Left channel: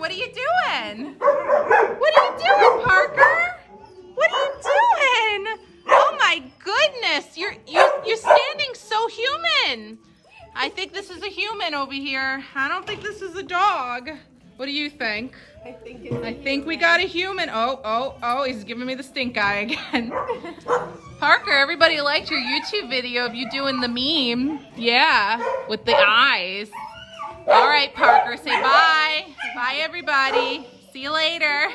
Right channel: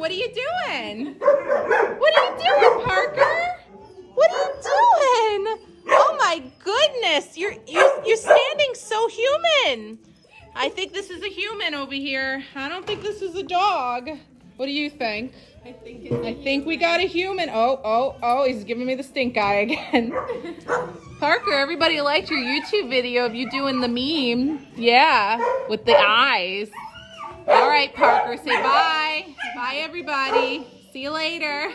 what are you doing? What are you doing, Parker? What are you doing? Oh my goodness, you're standing so human. I think this is a human over here. I don't think this is a dog. What do you think? I think we got a human. Oh, he's giving me the stink eye again. Parker, everybody liked your YouTube video of you doing the meme. Yeah, with the eyes. All right, Parker, say bye. Bye, everybody. See you later.